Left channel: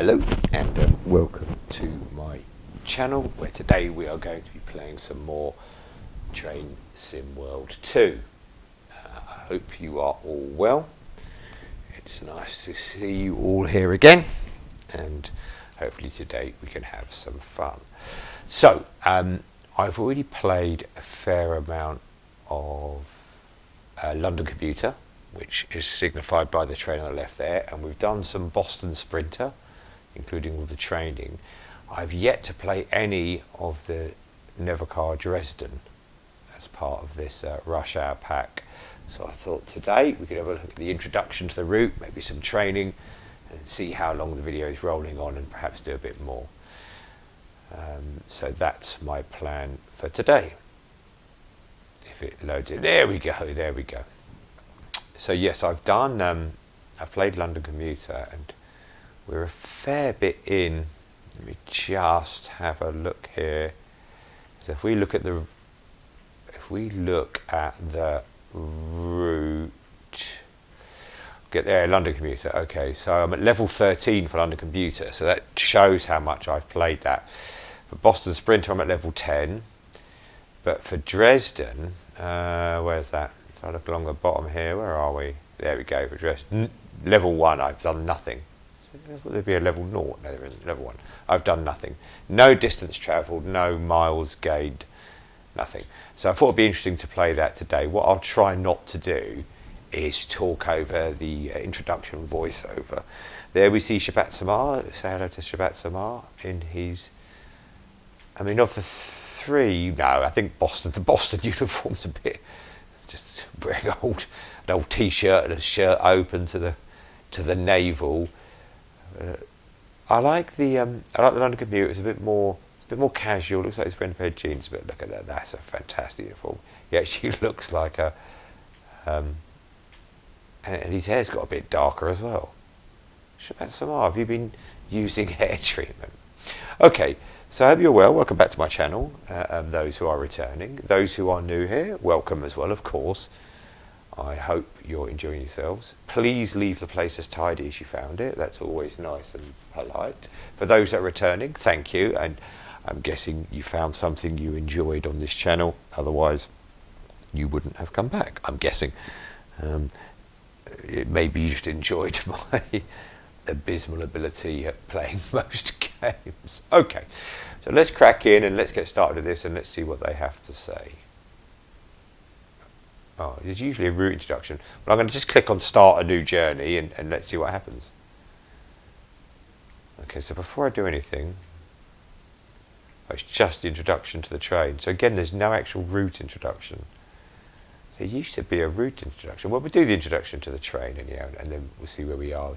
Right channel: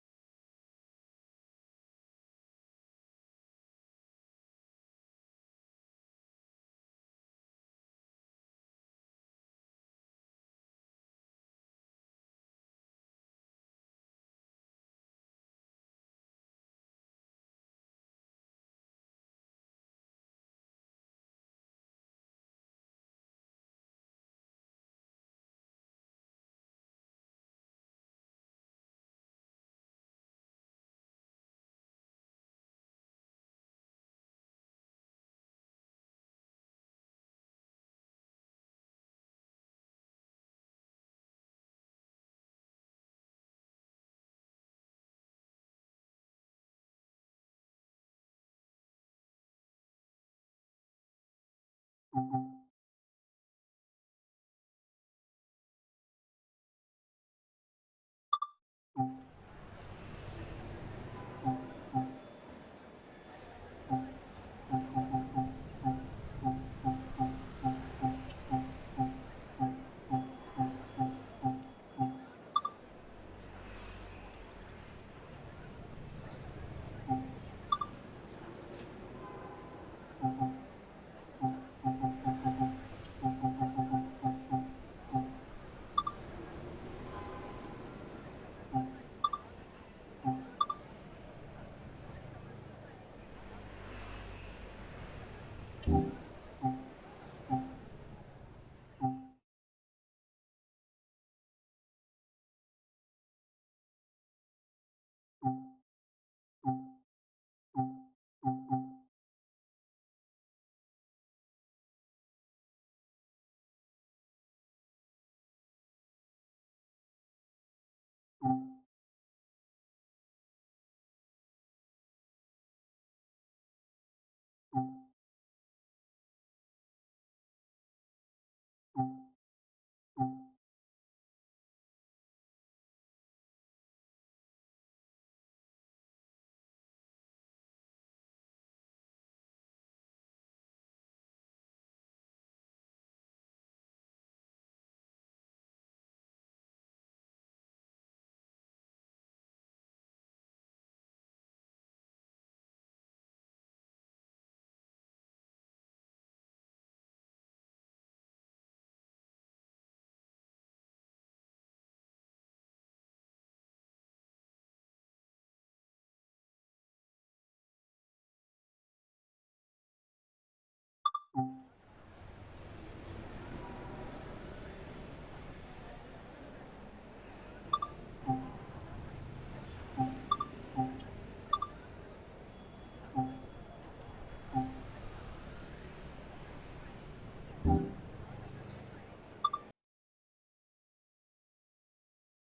Hello and welcome to my channel, where today we are going to be playing some more Train Sim World 2. I hope you are all well. It's nice to see you all here again, and hopefully today we can have some fun. So I've already played a fair amount of London Commuter, which is signified by the train on the left there, and we've done some Boston Sprinter, including all the training. I've yet to play any of the Nahverkehr Dresden as part of this rush hour pack. So I thought today we could have a look at the introduction to the route, maybe some training, and see how long the video is rolling on, and perhaps do a bit more. So that's my plan for today. If it loads it, there we go, there we go. So yes, I've played London Commuter, and we're a fair bit in. Let me just have a look here. So if we look at the route, get there, London Commuter. Okay, so I'm at level 13 for London Commuter, so that shows how much I've played that. For Boston Sprinter, I'm at level 10. But for Dresden, where's that? If I look along the bottom here, where are we? There we go, for Dresden. Level 1, I've done nothing. Will there be a level 0? No, there isn't. Level 1. I've done nothing. No distance travelled, no miles gained, nothing. So I thought it'd be interesting to play that today. What I'll try not to do is talk over the introduction voiceover. There we see Shabat Samar. Say hello to Shabat Samar in his... I mean, of the three, no, I think the Boston uniform's a bit, just wearing an old t-shirt and a shirt open to the navel. I like the London Commuter. It's a bit more casual. Looks like he's wearing a pair of jeans, but look at that. That's a fantastic uniform. He actually looks like a, and his hair's got a bit darker as well. Shabat Samar, have you been using hair treatment? Okay. So I hope you're well. Welcome back to my channel. Those who are returning, those who are new here, welcome as well, of course. I hope you're enjoying yourselves. Please leave the place as tidy as you found it. That's always nice and polite. For those that are returning, thank you. And I'm guessing you found something you enjoyed on this channel. Otherwise, you wouldn't have come back, I'm guessing. Maybe you just enjoyed my abysmal ability at playing most games. Okay, so let's crack in and let's get started with this, and let's see what they have to say. Oh, there's usually a route introduction, but I'm going to just click on start a new journey and let's see what happens. Okay, so before I do anything, it's just the introduction to the train. So again, there's no actual route introduction. There used to be a route introduction. Well, we'll do the introduction to the train anyhow, and then we'll see where we are.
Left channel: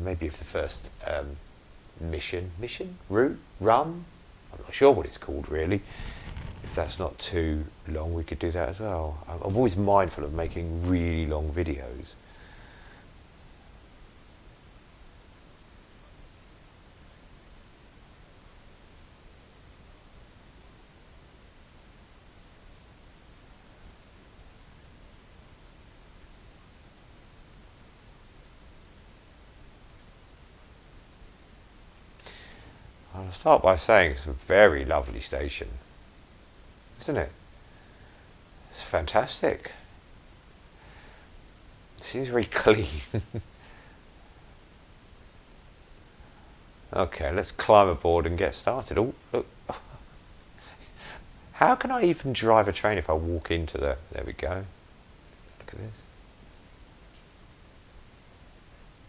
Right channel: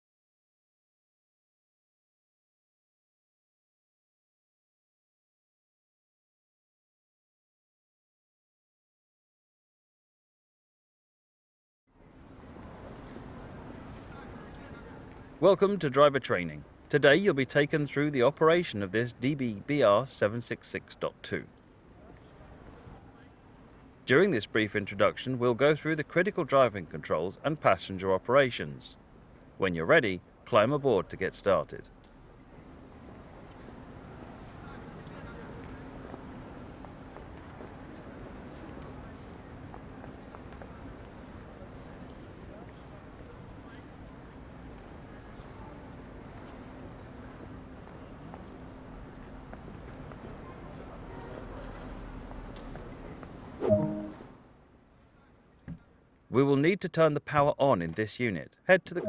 Maybe if the first mission, route, run, I'm not sure what it's called really. If that's not too long, we could do that as well. I'm always mindful of making really long videos. Welcome to driver training. Today you'll be taken through the operation of this DB-BR 766.2. During this brief introduction, we'll go through the critical driving controls and passenger operations. When you're ready, climb aboard to get started. I'll start by saying it's a very lovely station, isn't it? It's fantastic. It seems very clean. Okay, let's climb aboard and get started. Oh, look. How can I even drive a train if I walk into the... There we go. Look at this. We will need to turn the power on in this unit. Head to the...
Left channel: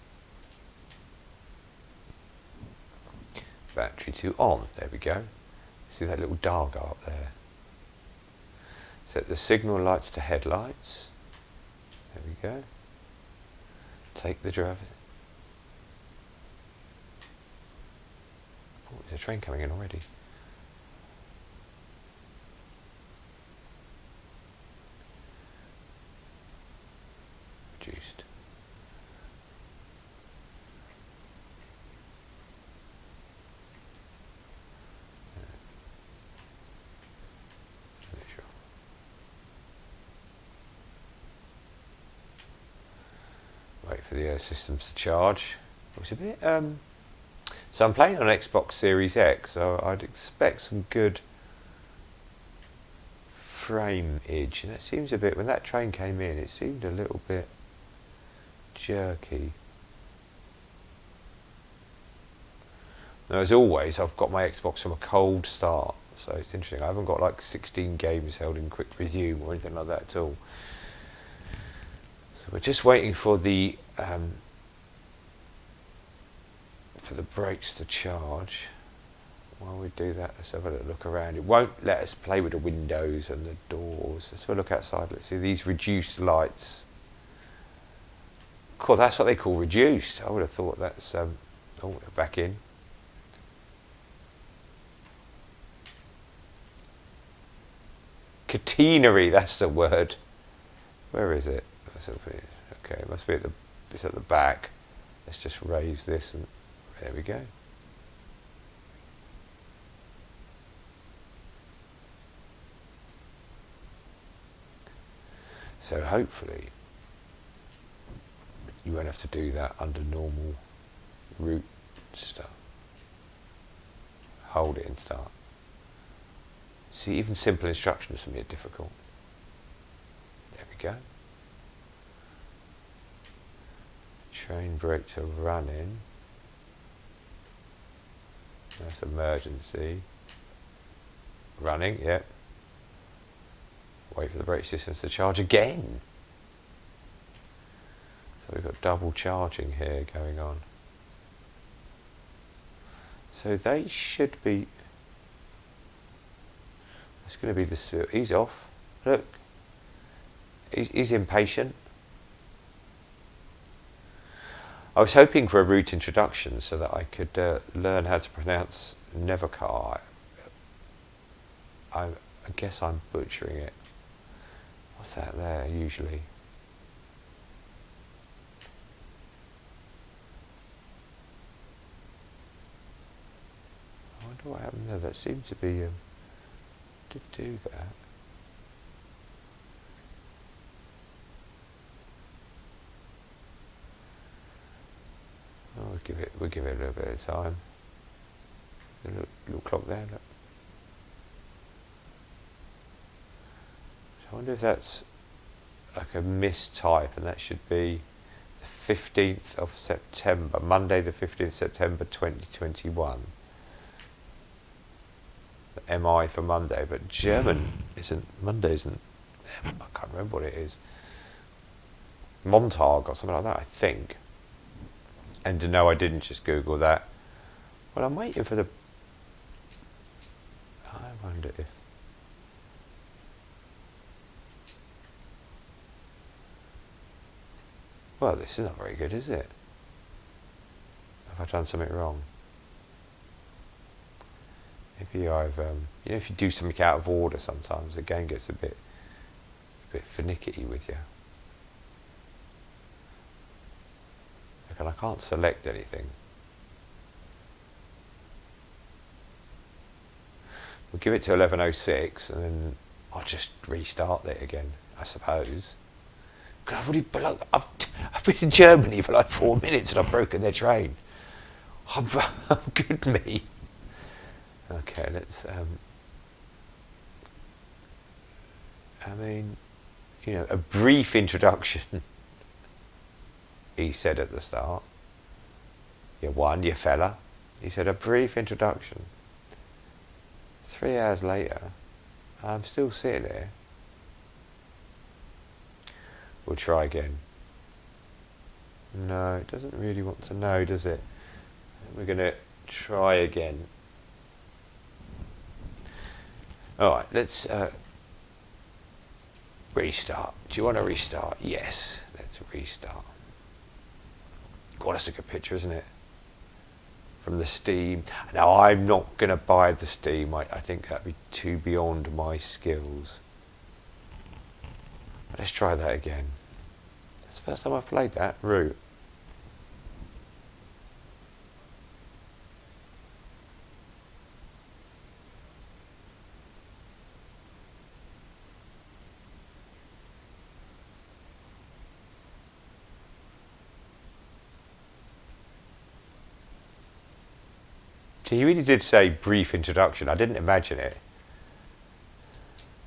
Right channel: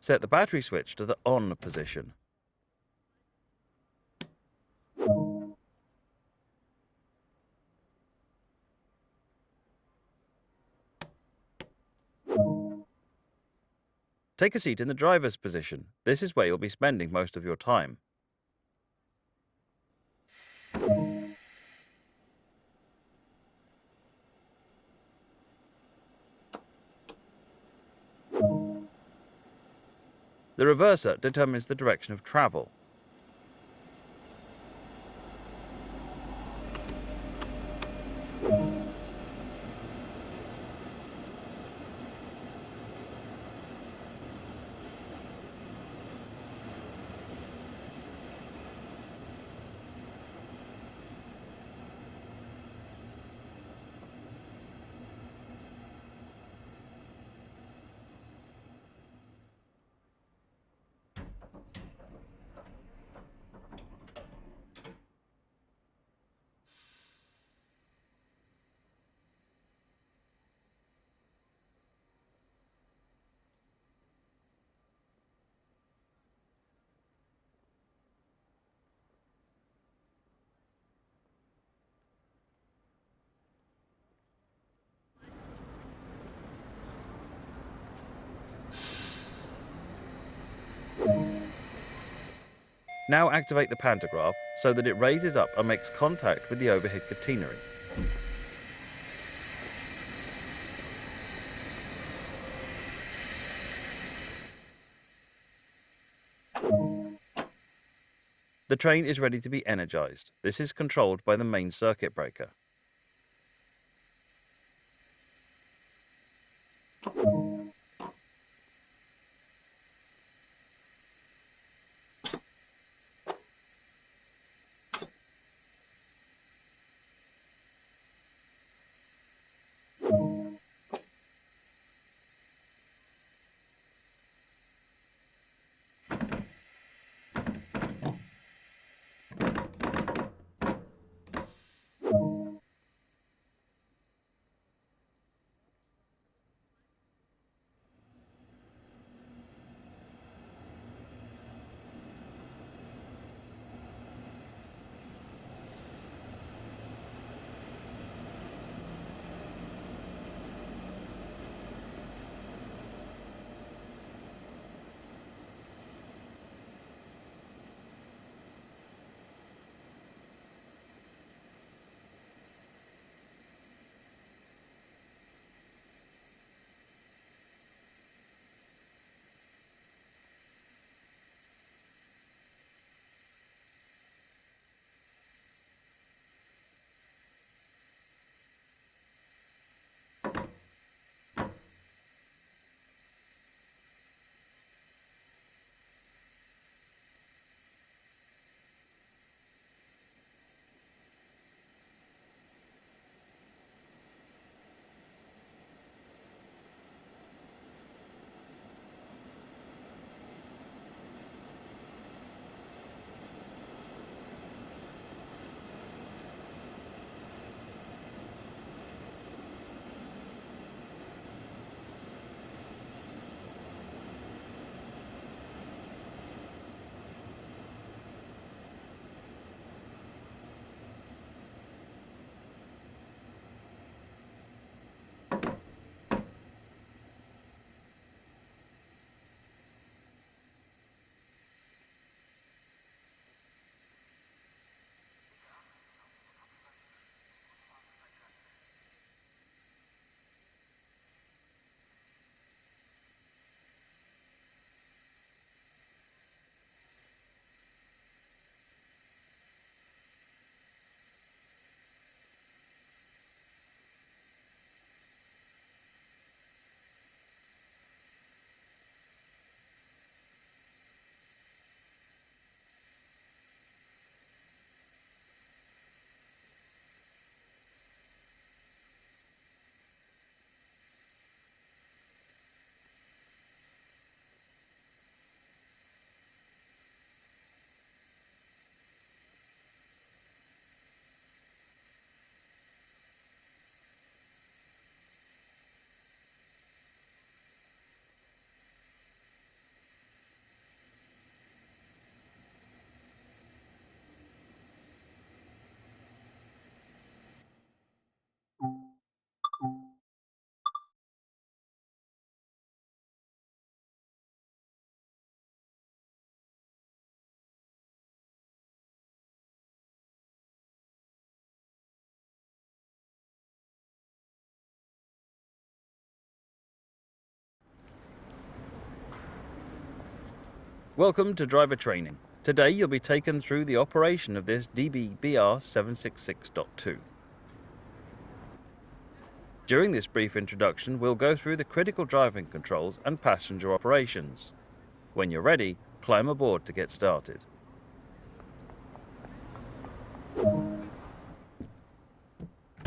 Set the battery switch to the on position. Battery to on. There we go. See that little dial go up there. Set the signal lights to headlights. There we go. Take a seat in the driver's position. This is where you'll be spending most of your time. Oh, there's a train coming in already. Reduced. The reverser determines the direction of travel. for the systems to charge. It's a bit, so I'm playing on Xbox Series X, so I'd expect some good frame-age, and it seems a bit, when that train came in, it seemed a little bit jerky. Now, as always, I've got my Xbox from a cold start, so it's interesting. I haven't got like 16 games held in quick resume or anything like that at all. So we're just waiting for the brakes to charge. While we do that, let's have a little look around. It won't let us play with the windows and the doors. Let's have a look outside. Let's see these reduced lights. Cool, that's what they call reduced. I would have thought that's back in. Now activate the pantograph so that it raises up and makes contact with the overhead catenary. Catenary, that's the word. Where is it? Okay, it must be it's at the back. Let's just raise this and there we go. The train is ready to be energized. This is controlled by the main circuit breaker. So hopefully you won't have to do that under normal route stuff. Hold it and start. See, even simple instructions for me are difficult. There we go. Train brakes are running. That's emergency. Running, yeah. Wait for the brake systems to charge again. So we've got double charging here going on. So they should be. It's going to be this. He's off. Look. He's impatient. I was hoping for a route introduction so that I could learn how to pronounce Nahverkehr. I guess I'm butchering it. What's that there usually? I wonder what happened there. That seemed to be did do that. Oh, we'll give it a little bit of time. A little clock there. Look. So I wonder if that's like a mistype, and that should be the 15th of September, Monday the 15th of September 2021. MI for Monday, but German isn't, Monday isn't, I can't remember what it is. Montag or something like that, I think. And no, I didn't just Google that. But I'm waiting for the, I wonder if, well, this is not very good, is it? Have I done something wrong? Maybe I've, you know, if you do something out of order sometimes, the game gets a bit finicky with you. And I can't select anything. We'll give it to 11:06 and then I'll just restart it again, I suppose. Because I've been in Germany for like 4 minutes and I've broken their train. I'm good me. Okay, let's, I mean, you know, a brief introduction, he said at the start. You fella. He said, a brief introduction. 3 hours later, I'm still sitting there. We'll try again. No, it doesn't really want to know, does it? We're going to try again. Alright, let's restart. Do you want to restart? Yes, let's restart. God, that's a good picture, isn't it? From the Steam. Now, I'm not going to buy the Steam. I think that'd be too beyond my skills. But let's try that again. That's the first time I've played that route. Welcome to driver training. Today you'll be taken through the operation of this DBBR 766.2. During this brief introduction, we'll go through the critical driving controls and passenger operations. When you're ready, climb aboard to get started. So you really did say brief introduction. I didn't imagine it.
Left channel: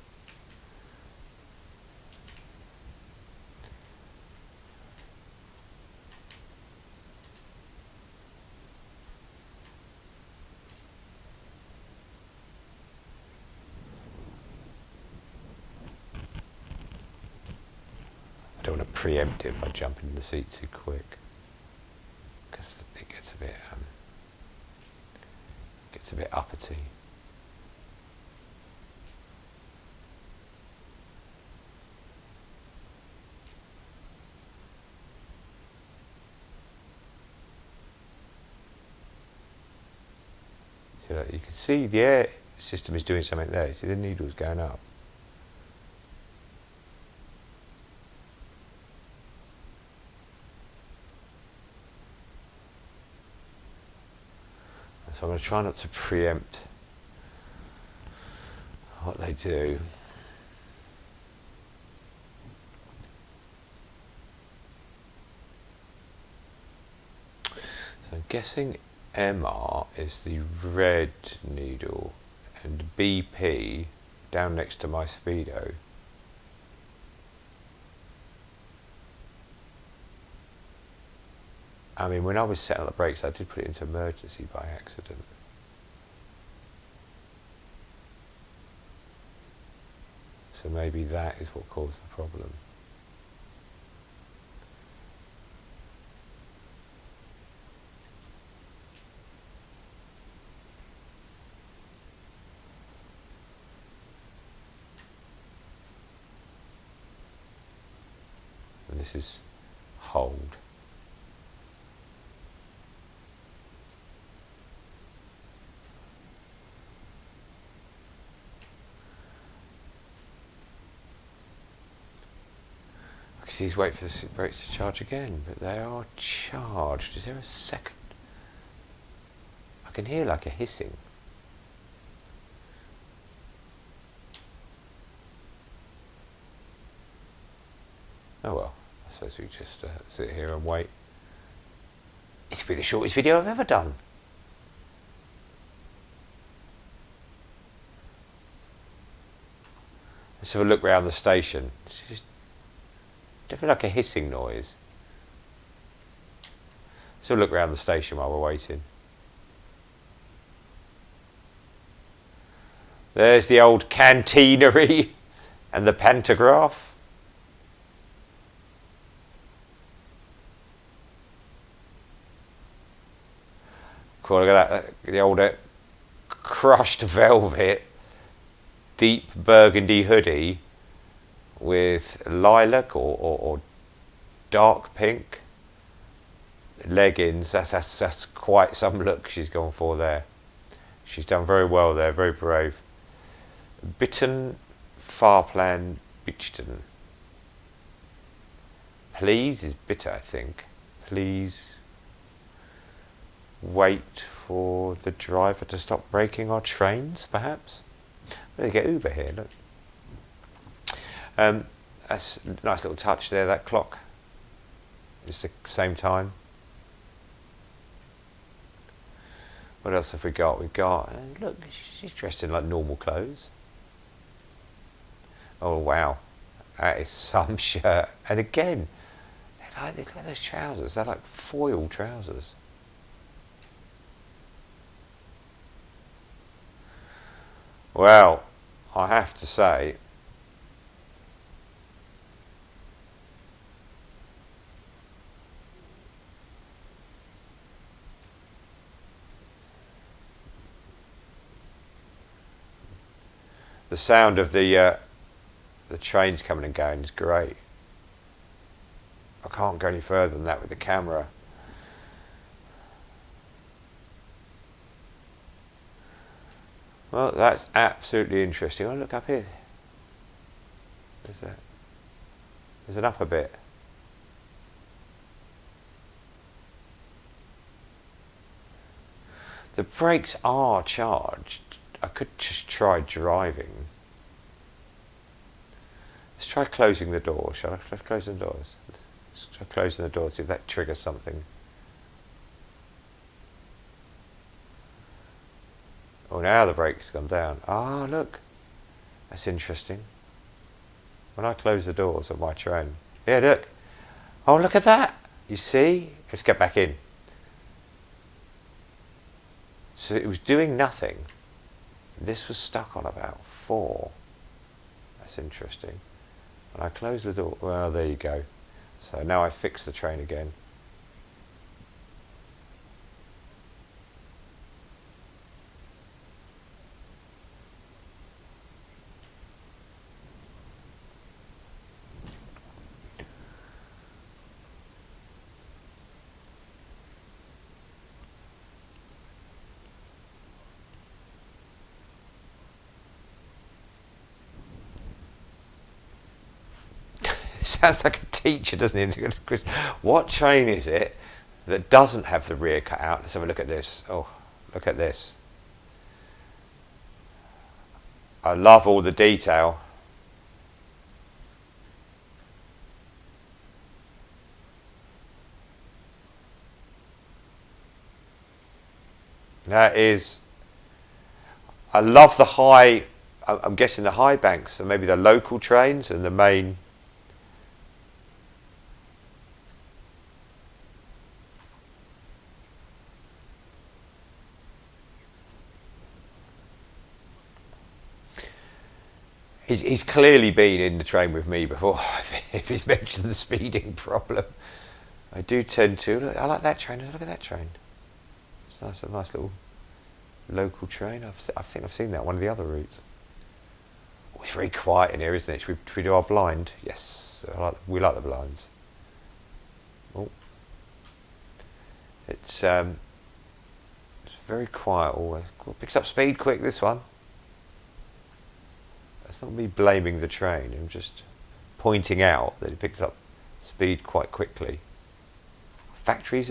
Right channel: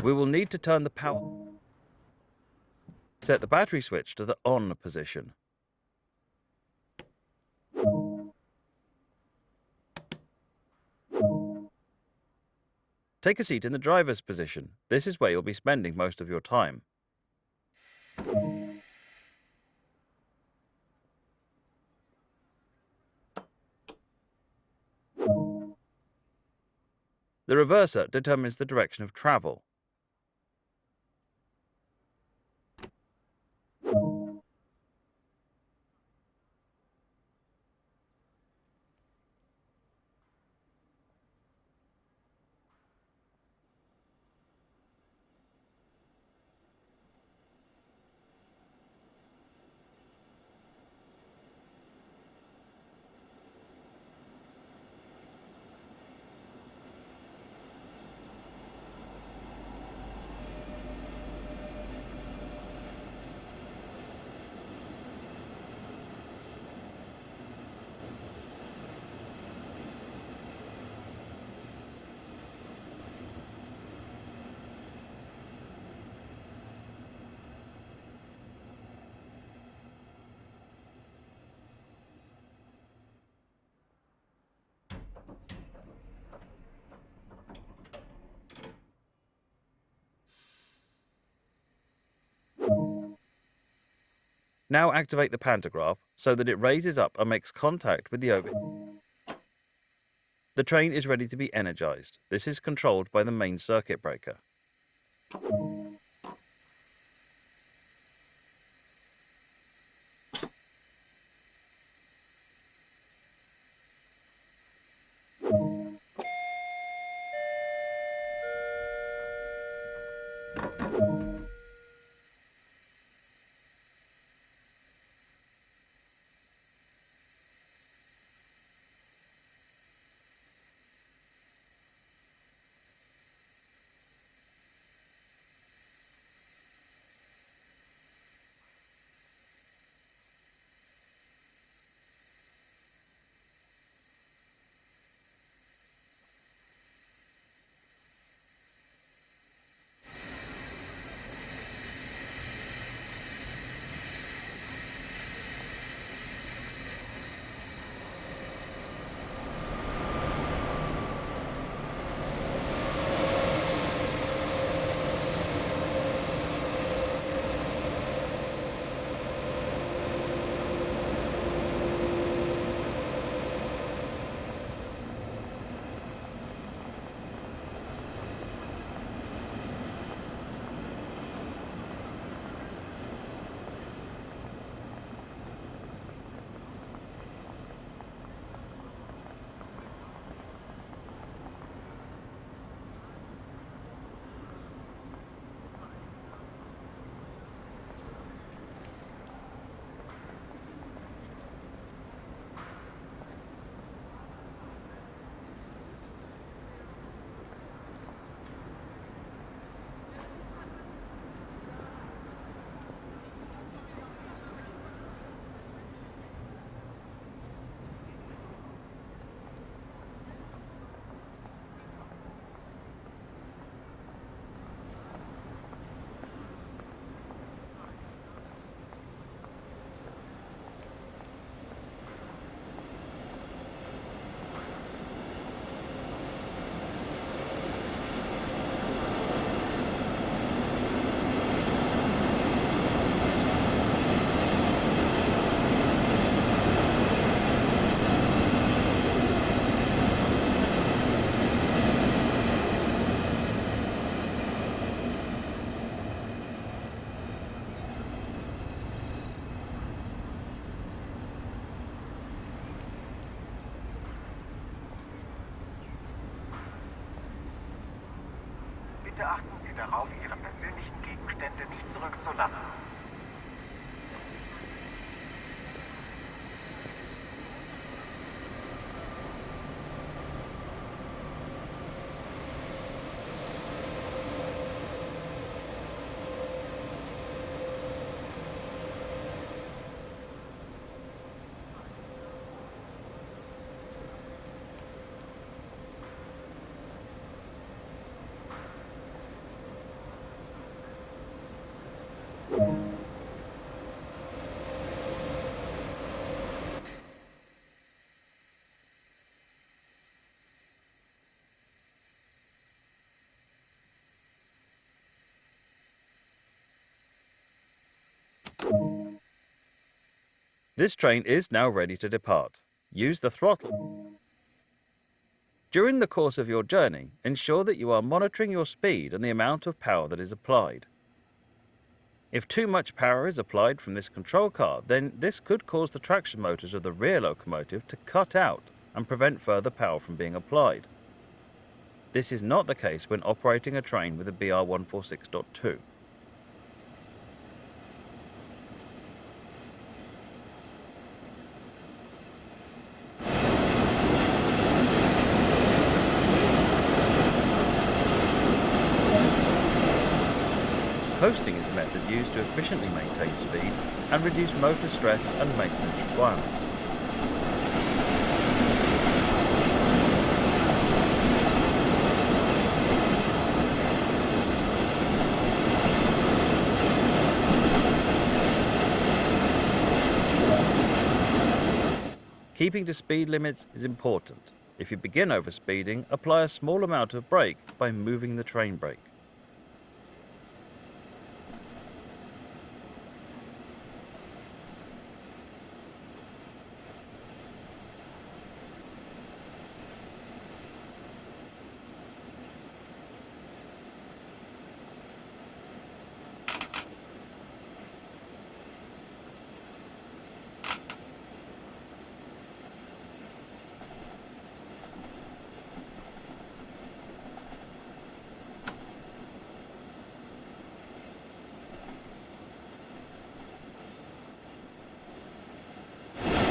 We will need to turn the power... Set the battery switch to the on position. Take a seat in the driver's position. This is where you'll be spending most of your time. Don't want to preempt it by jumping in the seat too quick, because it gets a bit uppity. The reverser determines the direction of travel. So you can see the air system is doing something there. See the needle's going up. So I'm going to try not to preempt what they do. So I'm guessing MR is the red needle and BP down next to my speedo. I mean, when I was setting up the brakes, I did put it into emergency by accident. So maybe that is what caused the problem. Now activate the pantograph so that it raises up and makes contact with the orbit. The train is ready to be energized. This is controlled by the main circuit breaker. And this is hold. He's waiting for the brakes to charge again, but they are charged. Is there a second? I can hear like a hissing. Oh well, I suppose we just sit here and wait. This will be the shortest video I've ever done. Let's have a look around the station. Definitely like a hissing noise. So look around the station while we're waiting. There's the old canteenery and the pantograph. Cool, look at that, the old crushed velvet, deep burgundy hoodie with lilac or dark pink leggings. That's quite some look she's gone for there. She's done very well there, very brave. Bitten Farplan Bichten. Please is bitter, I think. Please wait for the driver to stop braking our trains, perhaps. They get Uber here, look. That's a nice little touch there, that clock. It's the same time. What else have we got? We've got, look, she's dressed in like normal clothes. Oh wow, that is some shirt. And again, look at those trousers, they're like foil trousers. Well, I have to say, the sound of the trains coming and going is great. I can't go any further than that with the camera. Well, that's absolutely interesting. Oh, look up here. There's an upper bit. The brakes are charged. I could just try driving. Let's try closing the door, shall I? Let's close the doors. Let's try closing the door, see if that triggers something. Oh, now the brake's gone down. Ah, look. That's interesting. When I close the doors of my train. Yeah, look. Oh, look at that. You see? Let's get back in. So it was doing nothing. This was stuck on about 4. That's interesting. When I close the door, well, there you go. So now I fix the train again. This train is now ready to depart. Use the throttle. During the course of your journey, ensure that you are monitoring your speed and the amount of power that is applied. If too much power is applied from this control card, then this could cause the traction motors of the rear locomotive to cut out and prevent further power from being applied. This is not the case when operating a train with a BR146.2. Sounds like a teacher, doesn't it? What train is it that doesn't have the rear cut out? So look at this. Look at this. I love all the detail. Coasting is a method used to efficiently maintain speed and reduce motor stress and maintenance requirements. That is... I love the high... I'm guessing the high banks and maybe the local trains and the main... Keeping to speed limits is important. If you begin overspeeding, apply a small amount of brake by moving the train brake. He's clearly been in the train with me before, if he's mentioned the speeding problem. I do tend to. Look, I like that train. Look at that train. It's nice, a nice little local train. I think I've seen that on one of the other routes. Oh, it's very quiet in here, isn't it? Should we do our blind? Yes, we like the blinds. Oh. It's very quiet always. Picks up speed quick, this one. It's not me blaming the train, I'm just pointing out that it picks up speed quite quickly. Factories.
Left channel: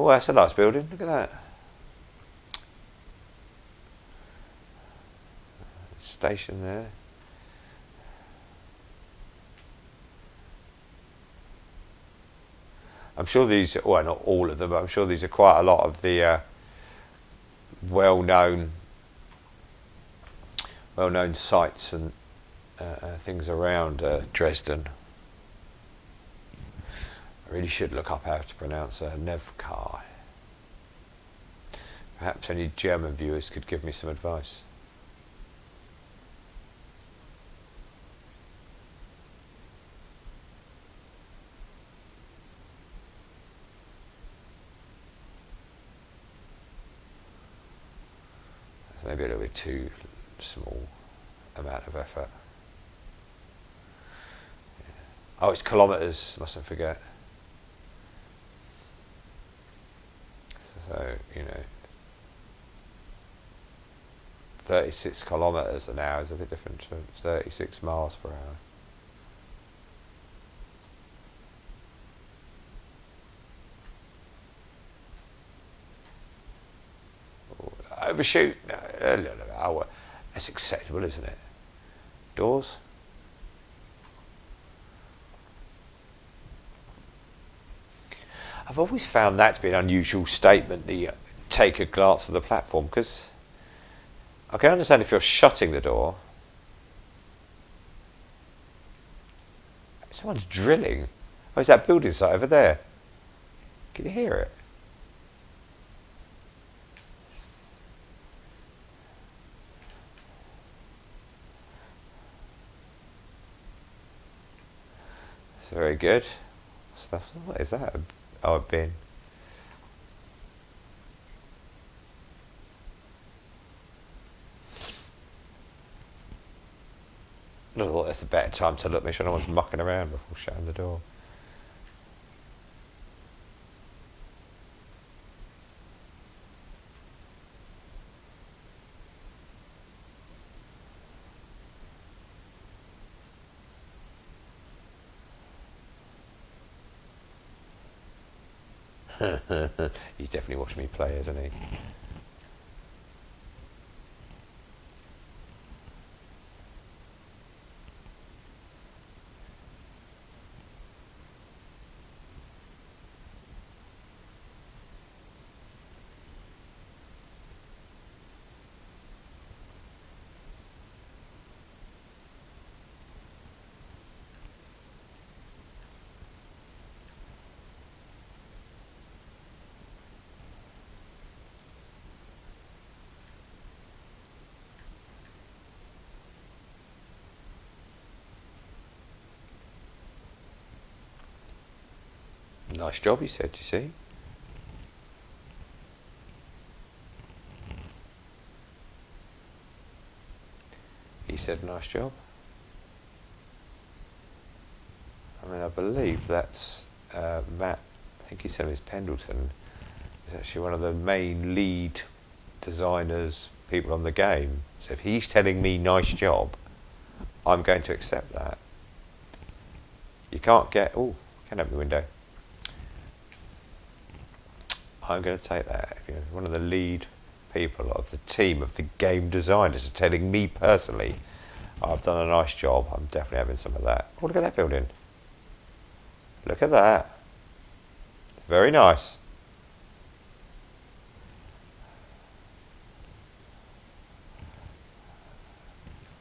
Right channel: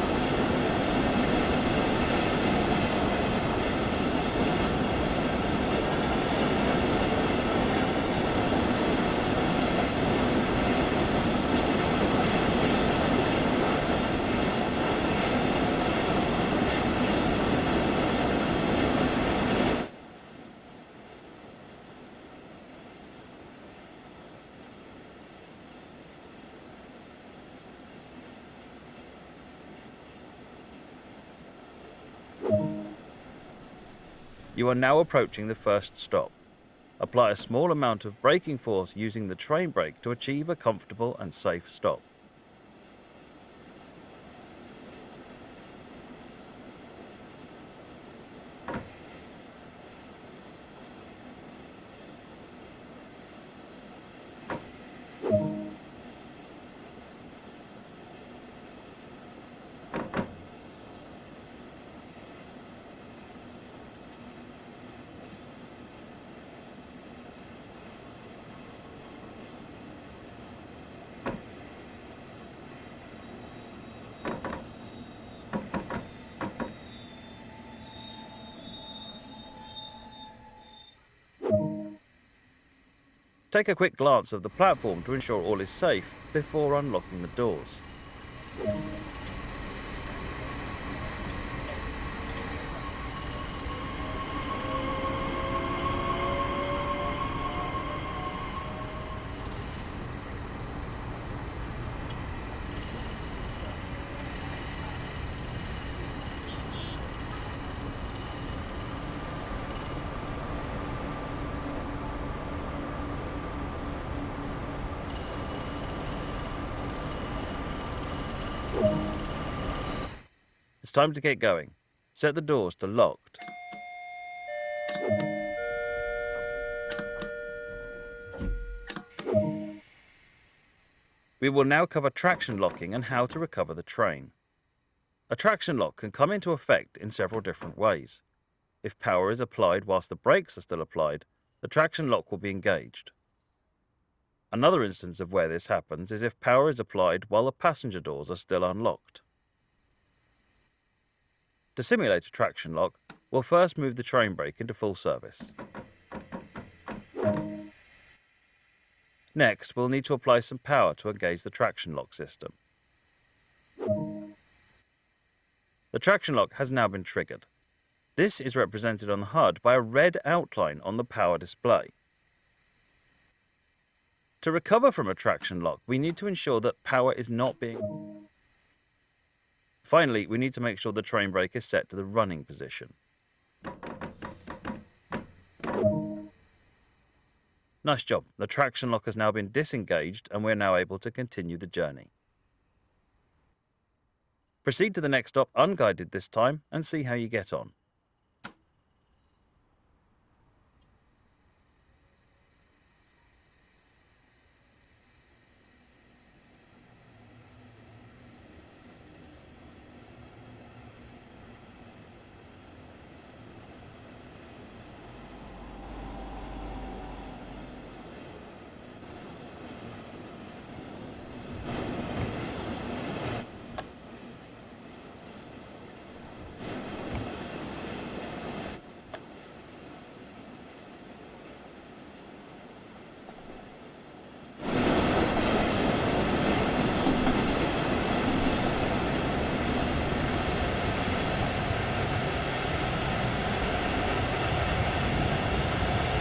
Oh, that's a nice building. Yeah. Station. I'm sure these, well, not all of them, but I'm sure these are quite a lot of the well-known sites and things around Dresden. I really should look up how to pronounce Nahverkehr. Perhaps any German viewers could give me some advice. You are now approaching the first stop. Apply a small amount of braking force using the train brake to achieve a comfortable and safe stop. Maybe a little bit too small amount of effort. Oh, it's kilometres, must I forget. So, you know, 36 kilometres an hour is a bit different to 36 miles per hour. Overshoot? No, oh, that's acceptable, isn't it? Doors? Take a quick glance of the platform to ensure all is safe before unlocking the doors. I've always found that to be an unusual statement, the take a glance at the platform, because I can understand if you're shutting the door. Someone's drilling. Where's that building site over there? Can you hear it? Very good. What is that? Oh, a bin. It's time to get going. Set the doors to locked. I thought that's a better time to look, make sure no one's mucking around before shutting the door. We will now cover traction locking and how to recover the train. A traction lock can come into effect in several different ways. If power is applied whilst the brakes are still applied, the traction lock will be engaged. Another instance of where this happens is if power is applied while the passenger doors are still unlocked. He's definitely watched me play, hasn't he? To simulate a traction lock, we'll first move the train brake into full service. Next, we'll need to apply some power to engage the traction lock system. The traction lock has now been triggered. This is represented on the HUD by a red outline on the power display. To recover from a traction lock, we need to ensure that power is not being... Finally, we need to make sure the train brake is set to the running position. Nice job. The traction lock has now been disengaged and we're now able to continue the journey. Nice job, he said, you see. Proceed to the next stop unguided this time and see how you get on. He said, nice job. I mean, I believe that's Matt, I think he said it's Pendleton. He's actually one of the main lead designers, people on the game. So if he's telling me nice job, I'm going to accept that. You can't get... Oh, can open the window. I'm going to take that. One of the lead people of the team of the game designers are telling me personally I've done a nice job. I'm definitely having some of that. Oh, look at that building. Look at that. Very nice.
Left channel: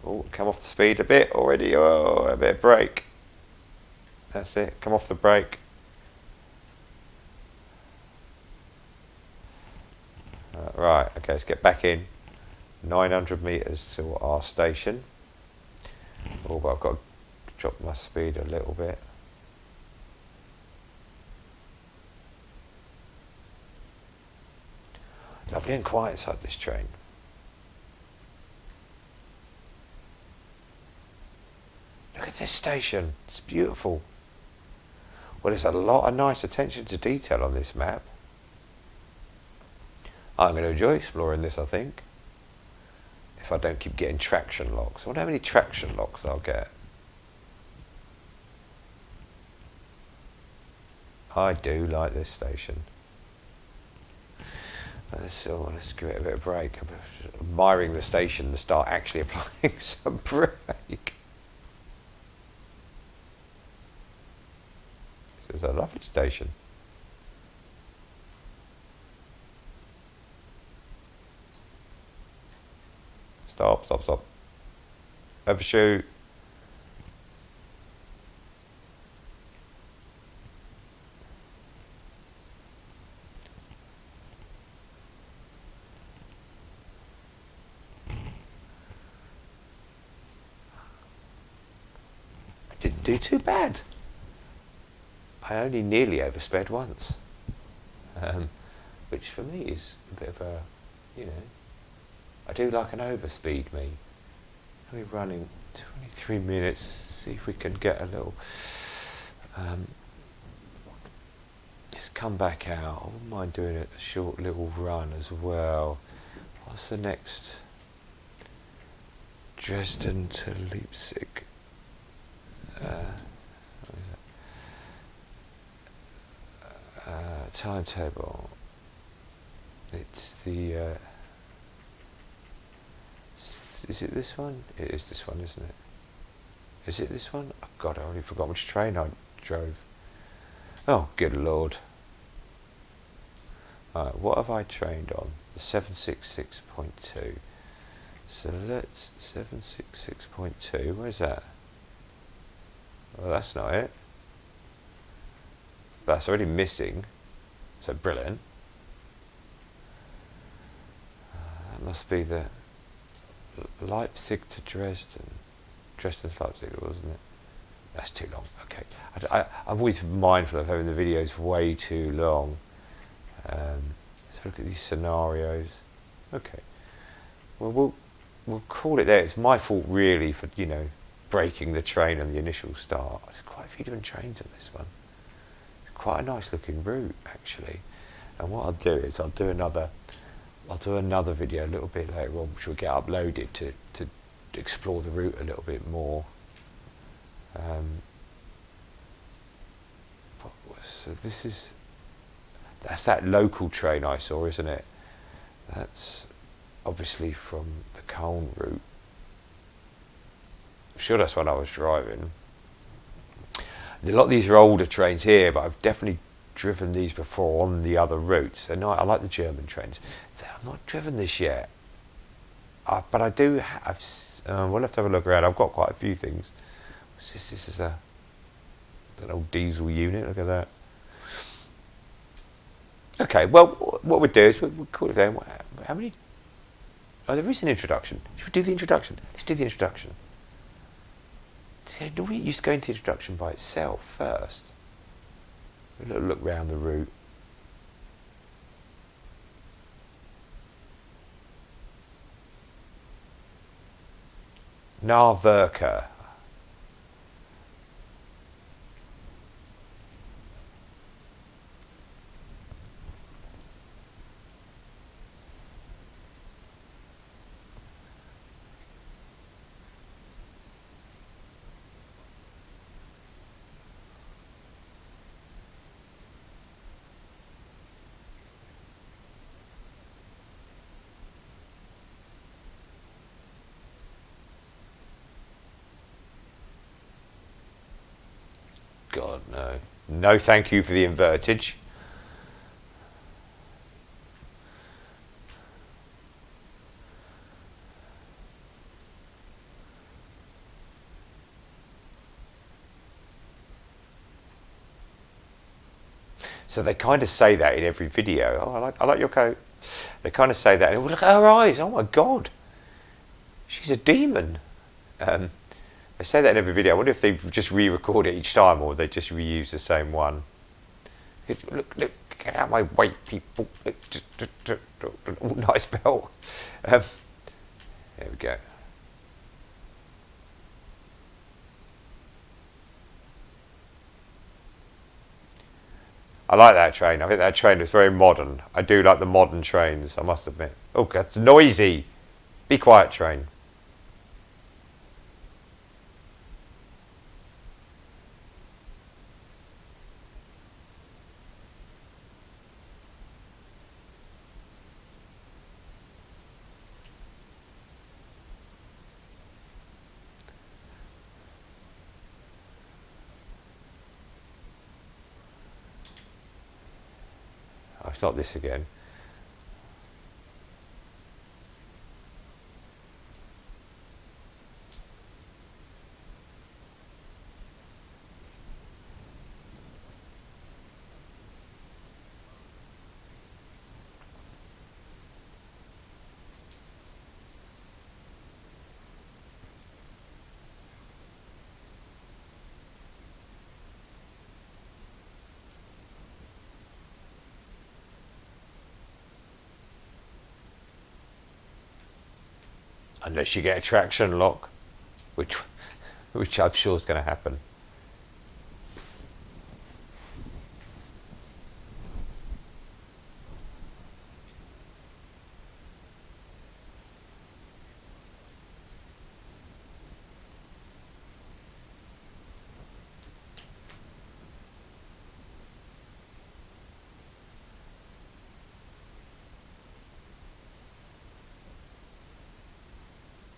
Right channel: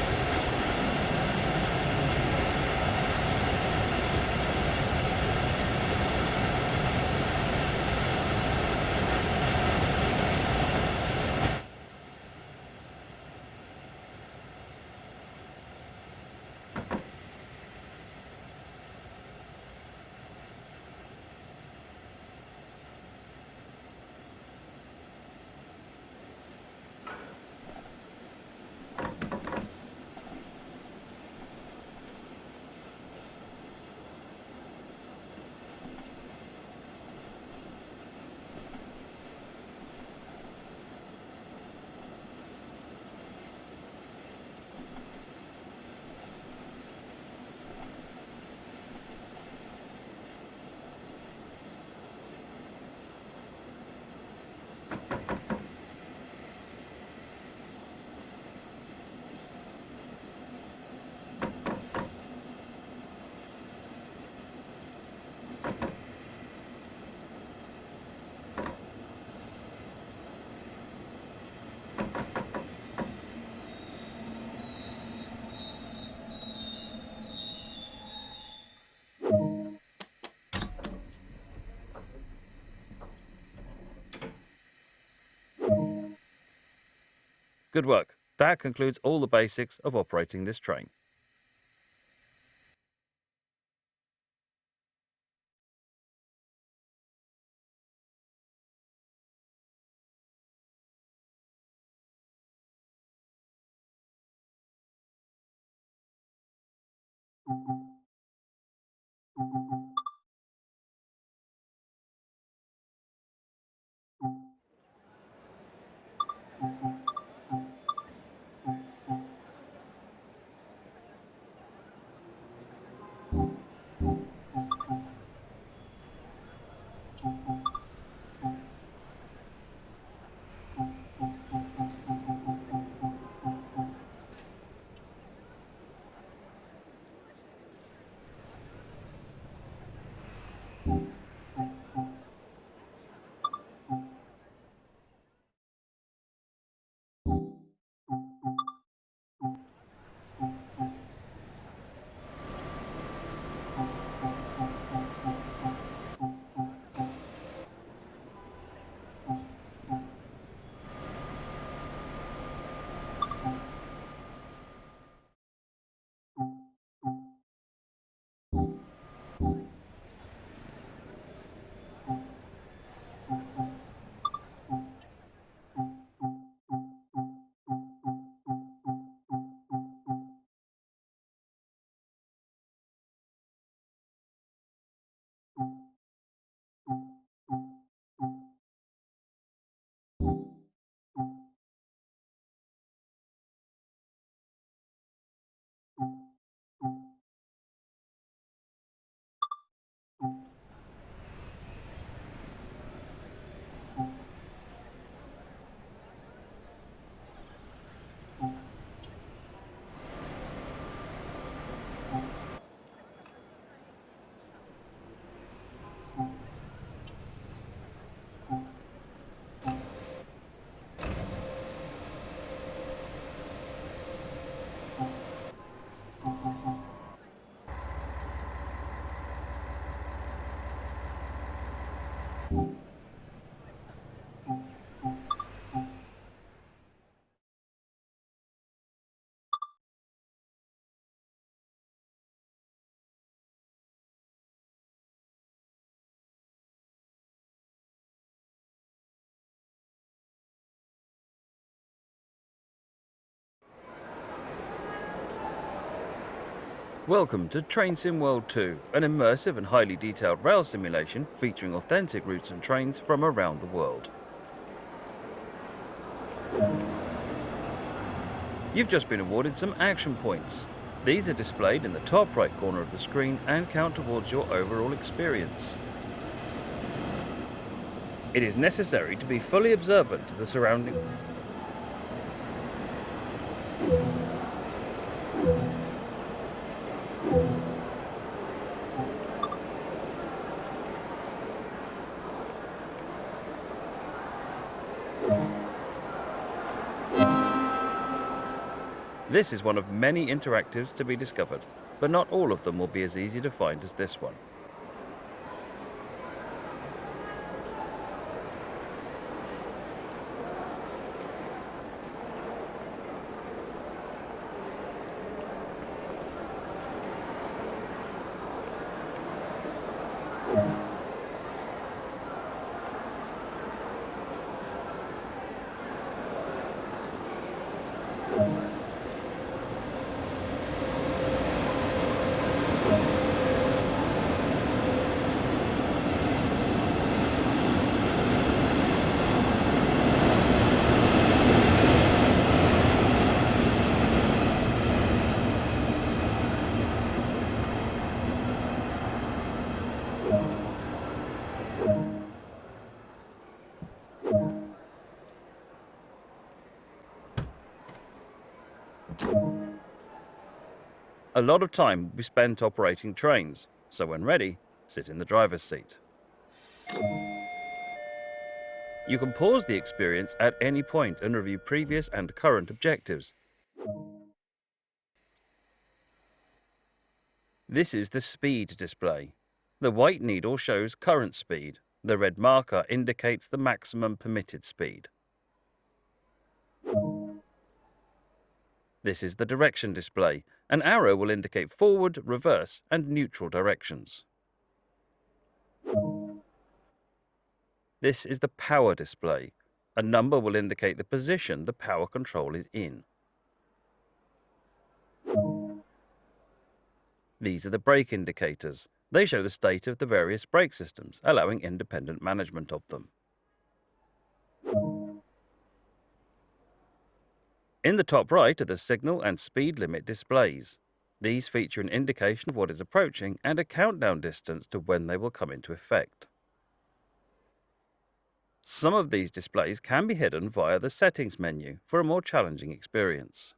Oh, come off the speed a bit already. Oh, a bit of brake. That's it. Come off the brake. Right, okay, let's get back in. 900 metres to our station. Oh, but I've got to drop my speed a little bit. Lovely and quiet inside this train. Look at this station. It's beautiful. Well, there's a lot of nice attention to detail on this map. I'm going to enjoy exploring this, I think. If I don't keep getting traction locks. I wonder how many traction locks I'll get. I do like this station. Let's give it a bit of brake. I'm admiring the station and start actually applying some brake. So it's a lovely station. Stop, stop, stop. Overshoot. Good work. That concludes all the basics of operating this train. I didn't do too bad. I only nearly oversped once. Which for me is a bit of a, you know, I do like an overspeed, me. We're running 23 minutes. See if we can get a little... let's come back out. I wouldn't mind doing a short little run as well. What's the next? Dresden to Leipzig. Timetable. It's the... is it this one? It is this one, isn't it? Is it this one? Oh God, I already forgot which train I drove. Oh, good Lord. Alright, what have I trained on? The 766.2. So let's... 766.2, where's that? Well, that's not it. That's already missing. So brilliant. Must be the Leipzig to Dresden. Dresden to Leipzig, wasn't it? That's too long. Okay. I'm always mindful of having the videos way too long. So look at these scenarios. Okay. Well, we'll call it there. It's my fault really for, you know, breaking the train on the initial start. There's quite a few different trains on this one. It's quite a nice looking route actually. And what I'll do is I'll do another video a little bit later on, which will get uploaded to explore the route a little bit more. So that's that local train I saw, isn't it? That's obviously from the Colne route. I'm sure that's when I was driving. A lot of these are older trains here, but I've definitely driven these before on the other routes. They're nice. I like the German trains. I've not driven this yet, but I do. We'll have to have a look around. I've got quite a few things. This is an old diesel unit. Look at that. Okay. Well, what we'll do is we'll call it down. How many? Oh, there is an introduction. Should we do the introduction? Let's do the introduction. Do we used to go into the introduction by itself first? A little look round the route. Nahverkehr. Welcome to Train Sim World 2, an immersive and highly detailed rail simulation featuring authentic routes and trains from around the world. You've just been awarded some action points. These are displayed in the top right corner of the screen and count towards your overall experience. It is necessary to be fully observant to the surrounding. God, no. No thank you for the invertage. This is one of many interactives to be discovered, but not all of them will be as easy to find as this one. So they kind of say that in every video. Oh, I like your coat. They kind of say that. And look at her eyes. Oh my God. She's a demon. I say that in every video. I wonder if they just re-record it each time or they just reuse the same one. Look, get out of my way, people. Nice belt. There we go. I like that train. I think that train is very modern. I do like the modern trains. I must admit. Look, it's noisy. Be quiet, train. A lot of time will be spent operating trains, so when ready, sit in the driver's seat. Oh, it's not this again. You can pause the experience at any point and review previous and current objectives. This is the speed display. The white needle shows current speed. The red marker indicates the maximum permitted speed. This is the direction display. An arrow will indicate forward, reverse, and neutral directions. This is the power display. A number will indicate the position the power control is in. Unless you get a traction lock, which I'm sure is going to happen. These are the brake indicators. They show the state of the various brake systems, allowing independent management of them. In the top right are the signal and speed limit displays. These feature an indication of what is approaching and a countdown distance to when they will come into effect. Some of these displays can be hidden via the settings menu for a more challenging experience.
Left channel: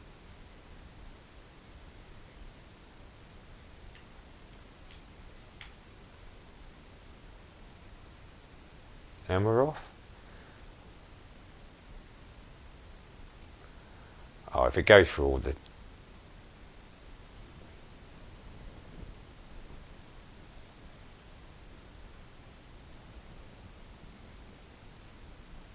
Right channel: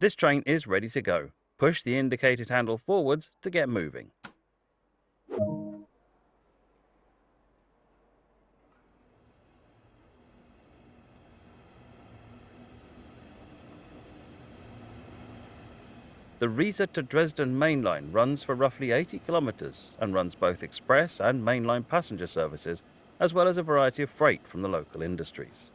This train is ready to go. Push the indicated handle forwards to get moving. And we're off. Oh, if it goes through all The Riesa to Dresden main line runs for roughly 80 kilometers and runs both express and mainline passenger services, as well as a variety of freight from the local industries.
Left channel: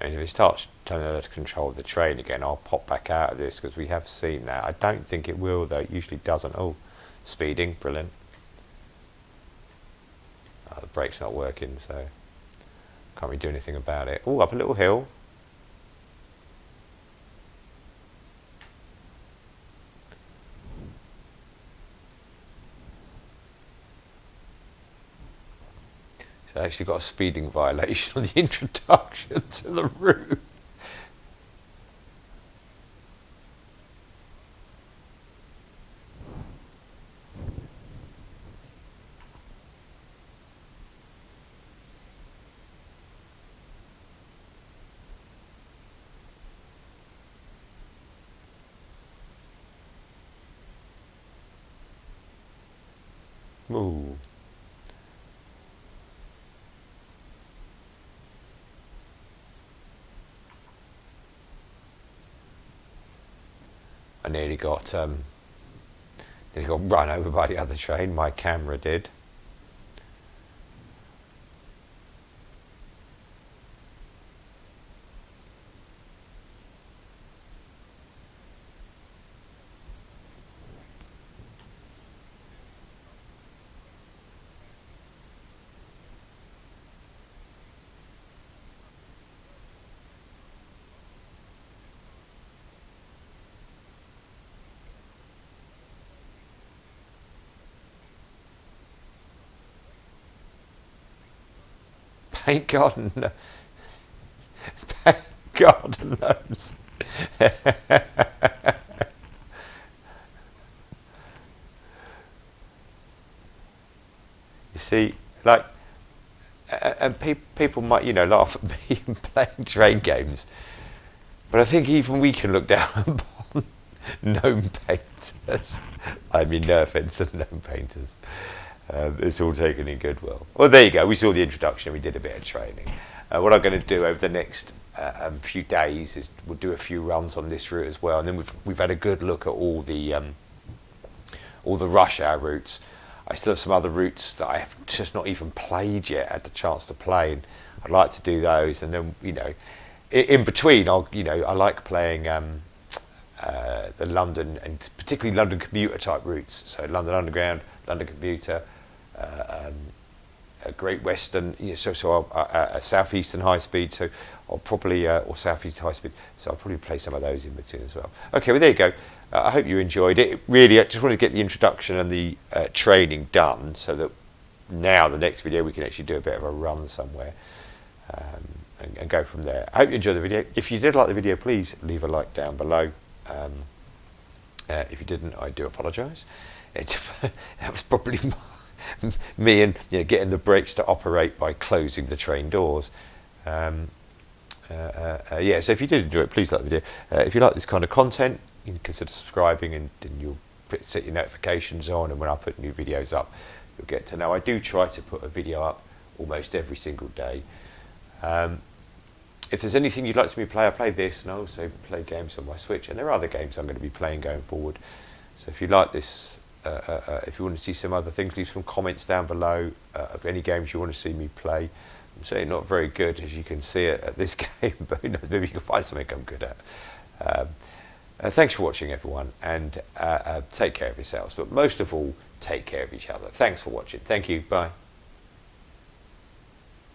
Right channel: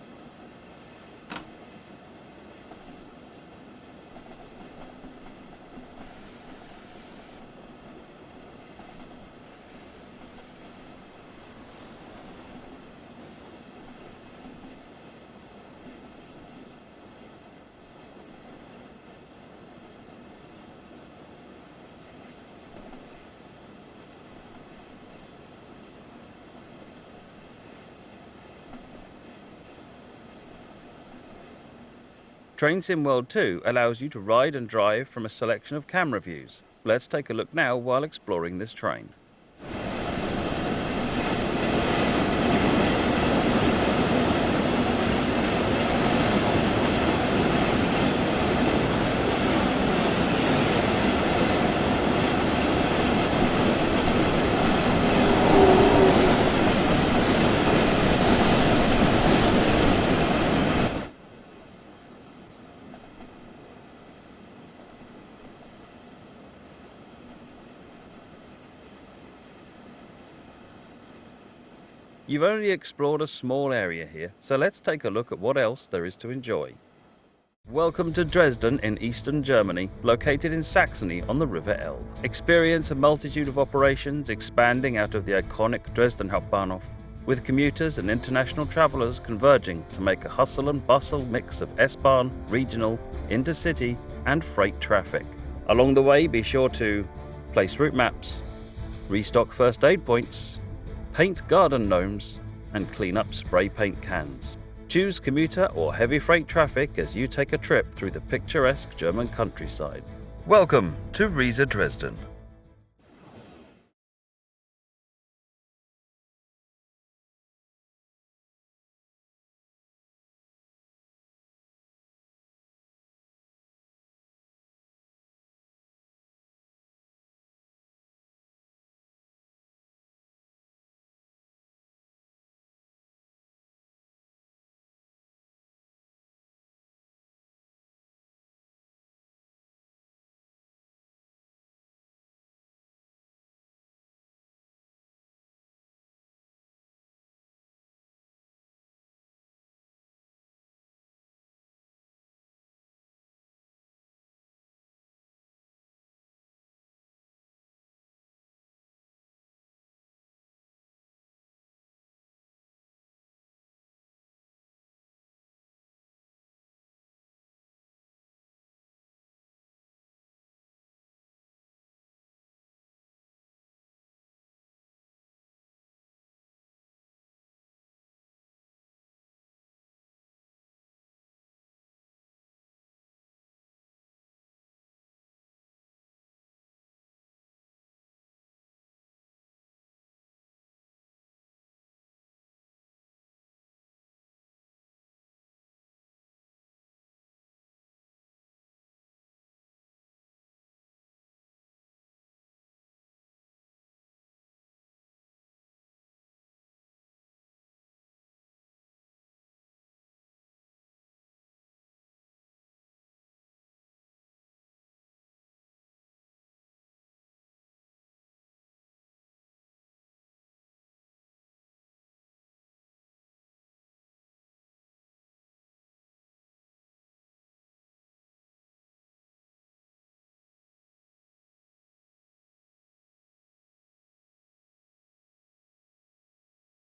And if it starts to control the train again, I'll pop back out of this because we have seen that. I don't think it will though, it usually doesn't. Oh, speeding, brilliant. Oh, the brake's not working, so can't really do anything about it. Oh, up a little hill. So I actually got a speeding violation on the introduction to the route. Train Sim World 2 allows you to ride and drive from a selection of camera views. Let's take a look now while exploring this train. I nearly got run over by the other train. My camera did. You've only explored a small area here, so let's take a look at what else there is to enjoy. Welcome to Dresden in eastern Germany, located in Saxony on the River Elbe. Experience a multitude of operations expanding out of the iconic Dresden Hauptbahnhof, with commuters and international travellers converging to make a hustle and bustle mix of S-Bahn, regional, intercity and freight traffic. Along the way, be sure to place route maps, restock first aid points, paint garden gnomes, and clean up spray paint cans. Choose commuter or heavy freight traffic as you take a trip through the picturesque German countryside. Welcome to Riesa Dresden. You see, like, and people might, laugh at me playing train games, but I think even we can look down upon gnome painters. I mean, no offence to gnome painters. It's all taken in goodwill. Well, there you go. We saw the introduction. We did a bit of training. What I'm going to do over the next few days is we'll do a few runs on this route as well, and then we've had a good look at all the rush hour routes. I still have some other routes that I have just not even played yet, had the chance to play, and I'd like to do those. And then, in between, I like playing the London and particularly London commuter type routes. So London Underground, London commuter, a Great Western, a Southeastern high speed. So I'll probably or Southeast high speed. So I'll probably play some of those in between as well. Okay, well there you go. I hope you enjoyed it. Really, I just wanted to get the introduction and the training done so that now the next video we can actually do a bit of a run somewhere and go from there. I hope you enjoyed the video. If you did like the video, please leave a like down below. If you didn't, I do apologise. That was probably me and getting the brakes to operate by closing the train doors. So if you did enjoy it, please like the video. If you like this kind of content, you can consider subscribing, and you'll set your notifications on, and when I put new videos up, you'll get to know. I do try to put a video up almost every single day. If there's anything you'd like to see me play, I play this, and I also play games on my Switch, and there are other games I'm going to be playing going forward. So if you like this, if you want to see some other things, leave some comments down below of any games you want to see me play. I'm certainly not very good, as you can see, at this game, but who knows, maybe you can find something I'm good at. Thanks for watching, everyone, and take care of yourselves, but most of all, take care of each other. Thanks for watching. Thank you. Bye.